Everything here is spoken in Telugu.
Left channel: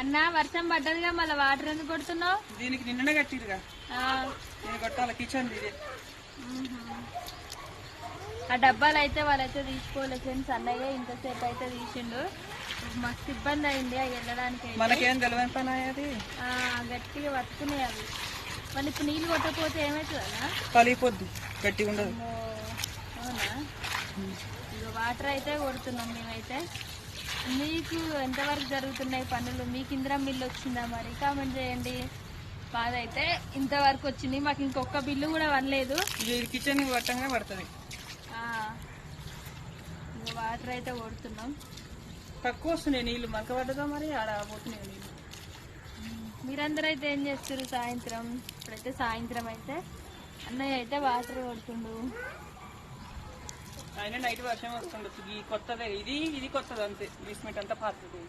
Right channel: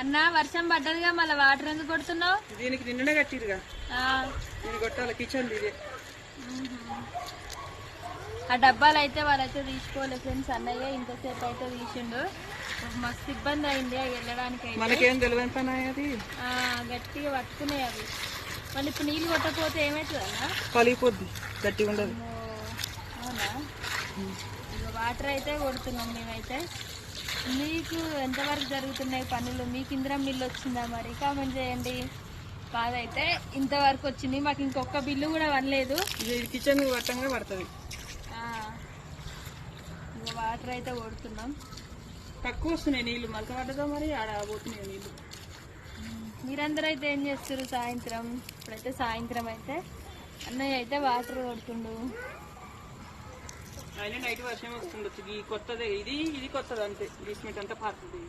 అన్న వర్షం పడ్డదిగా మళ్ళీ వాటర్ ఎందుకు కొడుతున్నావు? దీనికి నిన్ననే కట్టిరుగా, దీనికి కొట్టాలి కిచెన్ ఇది. ఆ డబ్బాలు అయితే వాళ్ళైతే తీసుకోలేదు ఫ్రెండ్స్. అన్నయ్య ఇంతసేపు అయితే తీసిండు. మస్తు ఇబ్బంది అయింది వెళ్ళడానికి. మనకేం తెలియని పని అది గట్టిగా పట్టుకున్నాయి అవి. మళ్ళీ ఇప్పుడు నీళ్ళు కొట్టకపోతే ఏమవుతుంది అన్న? పలిగిపోద్ది, గట్టిగా ఉండదు. అవునా? వాటర్ అయితే కొడుతున్నాం మేమైతే. మీకు ఎంతవరకు జరుగుతున్నాయి పనులు? మీకు ఇందిరా మిల్లు వచ్చిందా? మరి కామెంట్ చేయండి. కాదైతే ఇంతవరకు వచ్చింది, మాకు ఇంకొక బిల్లు కూడా పడలేదు. కిచెన్ వర్తంగా పడుతుంది. వాటర్ అయితే కొడుతున్నాం. తక్కువ వస్తున్నాయి నీళ్ళు, మంట పడ్డదో మరి ఆడ పోతున్నాయి నీళ్ళు. మీరందరూ అయితే ఏం చేస్తారు సాయంత్రం? ఇప్పుడైతే సాయంత్రం అయితే అన్నయ్య అయితే వాటర్ కొడుతుండు. ఆయన నైట్ వర్షం వస్తుండొచ్చు. ఈ కొత్తదే, ఇది కొత్తది అంతే. బేస్మెంట్ అంతా పాతది.